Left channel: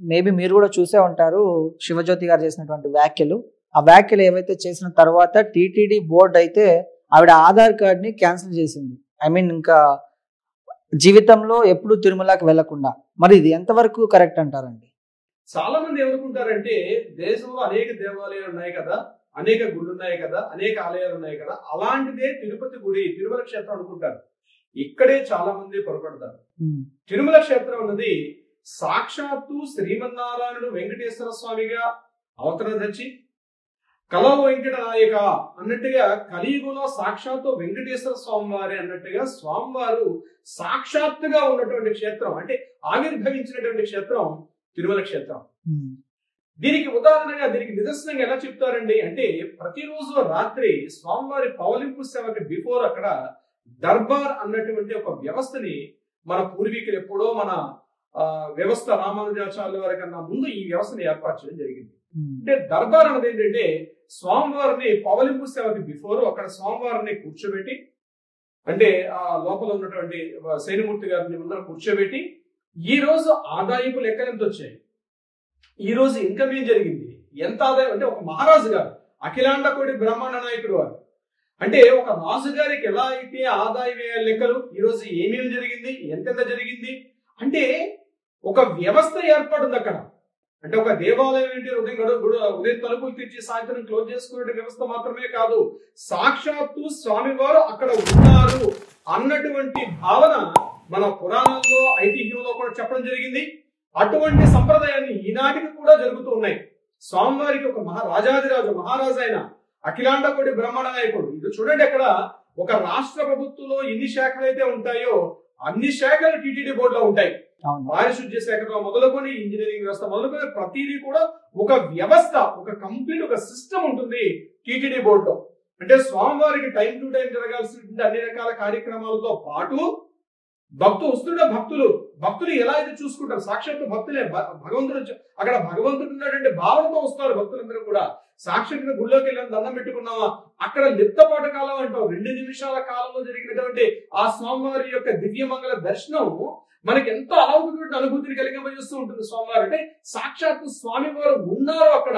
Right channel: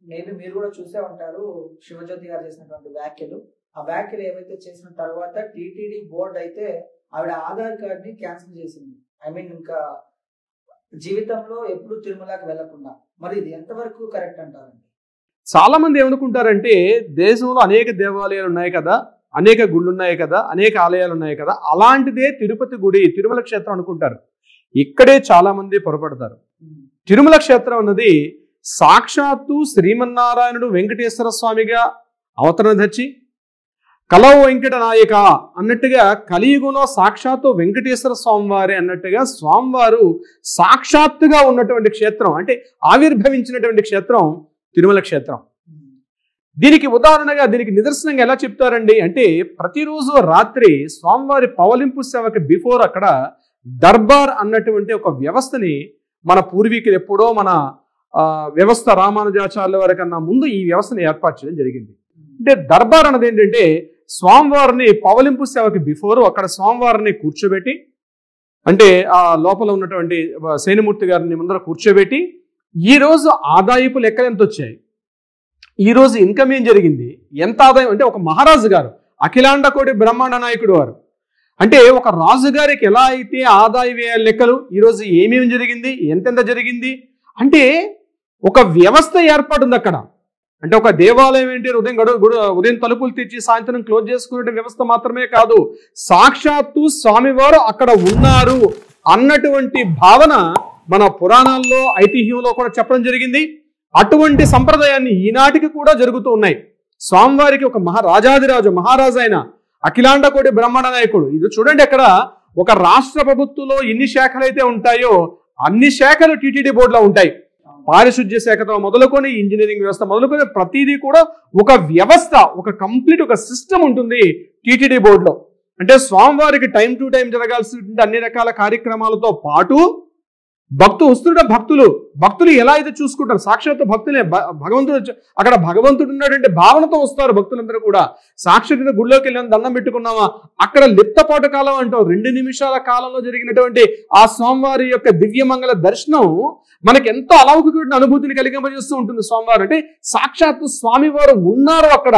Maybe మీరు కూడా చూసే ఉంటారు శివజ్యోతి గారు చేసినటువంటి వ్యాఖ్యలు. ఆ వ్యాఖ్యలు ఏవైతే చేసిన తర్వాత టీటీడీ బోర్డు అయితే ఆవిడ ఆధార్ కార్డ్‌ని క్యాన్సిల్ చేసింది. ఐ మీన్ ఇంకా జీవితంలో ఎప్పుడు తిరుమలకి వెళ్ళకుండా. మరి ఇది ఎంతవరకు కరెక్ట్ అంటారండి? చాలా మంది ఏమనుకుంటారంటే దేశంలో అనేక దేవాలయాలు ఉన్నాయి కదా, అనేక గుళ్ళు ఉన్నాయి కదా, అనేక ఆలయాలు ఉన్నాయి కదా, అలాంటిదే తిరుపతి గుడి, తిరుమల క్షేత్రం అనుకుంటారు. ఇక్కడే చాలా మంది పొరపడతారు. తిరుమల క్షేత్రం అన్నది సాక్షాత్తు శ్రీమన్నారాయణుడు వెంకటేశ్వర స్వామిగా అవతరణ తెచ్చి కలవ వెంకట నాయక అన్నట్టుగా కలియుగంలో సాక్షాత్తు వెంకటేశ్వర స్వామివారి అన్నట్టుగా స్వామివారు సాక్షాత్తుగా ఉన్నటువంటి క్షేత్రం, అంటే ఆవిర్భవించినటువంటి క్షేత్రం తిరుమల క్షేత్రం. దీనికి ఉదాహరణగా, దీనికి నిదర్శనంగా ఎలా చెప్తారండి అంటే, ప్రతిరోజు రాత్రి స్వామివారి పవలింపు సేవకి బిఫోర్ అక్కడ దర్బార్ అన్నటువంటి ఒక వ్యవస్థని మన పూర్వీకులు ఎప్పుడో మన వ్యవస్థ రామానుజాచార్యుల వారి కన్నా ముందు ఈ వ్యవస్థను ఏర్పాటు చేయడం జరిగింది. అంటే దర్బార్ అన్నది ఏంటంటే స్వామివారిని పవలింపు సేవకి బిఫోర్ అక్కడ స్వామివారిని కూర్చోబెట్టి, అంటే ఆ లోపల ఉన్నటువంటి సేనమూర్తి గారిని ముందర కూర్చోబెట్టి ఈ రోజు ఆదాయపు లెక్కలు ఎంత వచ్చాయి, ఈ రోజు ఇన్కమ్ ఏం జరిగింది, ఎంత ఆదాయం, అంటే ఒక మహారాజు గారు అఖిలాండ కోటి బ్రహ్మాండ నాయకుడు వారు, అంటే ఒక రాజుగారికి ఎలా అయితే ఆదాయ వ్యయ లెక్కలు, ఈరోజు ఏమేమి జరిగింది, ఎంతెంత జరిగింది, అంటే ఒక వ్యవస్థ ఏర్పడింది అక్కడ. అంటే ఒక దేవాలయం ఏంటి, ఉదయం తలుపులు తెచ్చి సాయంత్రం క్లోజ్ చేసుకునే వ్యవస్థ మాత్రమే కాదు, సాక్షాత్తు స్వామివారు అక్కడ ఉన్నారు అన్నటువంటి భావన మన పురాణాల్లో ఐతిహ్యంలో కూడా చెప్పడం జరిగింది. అటువంటి సంప్రదాయాన్ని ఈనాటికి కూడా జరుగుతూ ఉన్నాయి. స్వామివారికి ఒక రాజాదిరాజు మహారాజు అయిన అఖిలాండ కోటి బ్రహ్మాండ నాయకుడు. ఇది చూడండి, అక్కడ ఒక రాష్ట్ర ప్రభుత్వంలో ఎన్ని శాఖలు అయితే ఉంటాయో అన్ని శాఖలు టీటీడీ బోర్డులో ఉంటాయి. పారిశుద్ధ్య శాఖతో మొదలుకొని ఇంజనీరింగ్ వ్యవస్థ మొదలుకొని ప్రతిదీ కూడా ఒక వ్యవస్థ, ఒక కంప్లీట్ ఒక సిస్టమ్ ఉంటుంది టీటీడీ బోర్డులో. అంటే స్వామివారికి టైం టు టైం జరగాల్సిన అన్ని రకాల కార్యక్రమాలతో పాటు భక్తులు ఎలా అయితే చూసుకుంటారు, సాక్షాత్తు భక్తులే భగవంతుడు, అక్కడ భగవంతుడు ఉన్నాడంటే భావనతో వస్తారు భక్తులందరూ కూడా. సాక్షాత్తుగా గుళ్ళోకి వెళ్ళాం, దండం పెట్టుకున్నామా, అక్కడ లిప్తపాటు కాలం అంటాం 2 నిమిషాల కాలంలో జరిగినటువంటి ఆ స్వామివారి యొక్క దివ్యమంగళ దర్శనం మనకి ఎంతో అలౌకికమైన అనుభూతిని కలిగింపజేస్తూ ఉంటుంది. స్వామివారు అంటే సాక్షాత్తు స్వామివారు ఉన్నారు అక్కడ.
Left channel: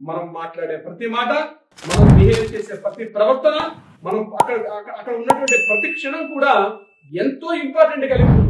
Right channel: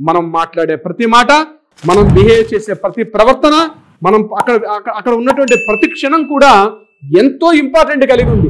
మనం మాట్లాడే ప్రతి మాట, మనం బిహేవ్ చేసే ప్రతి ప్రవర్తన, మనం అక్కడ ఉన్నటువంటి ప్రతి క్షణం కూడా ఎంతో ఇంపార్టెంట్ కలిగి ఉంది.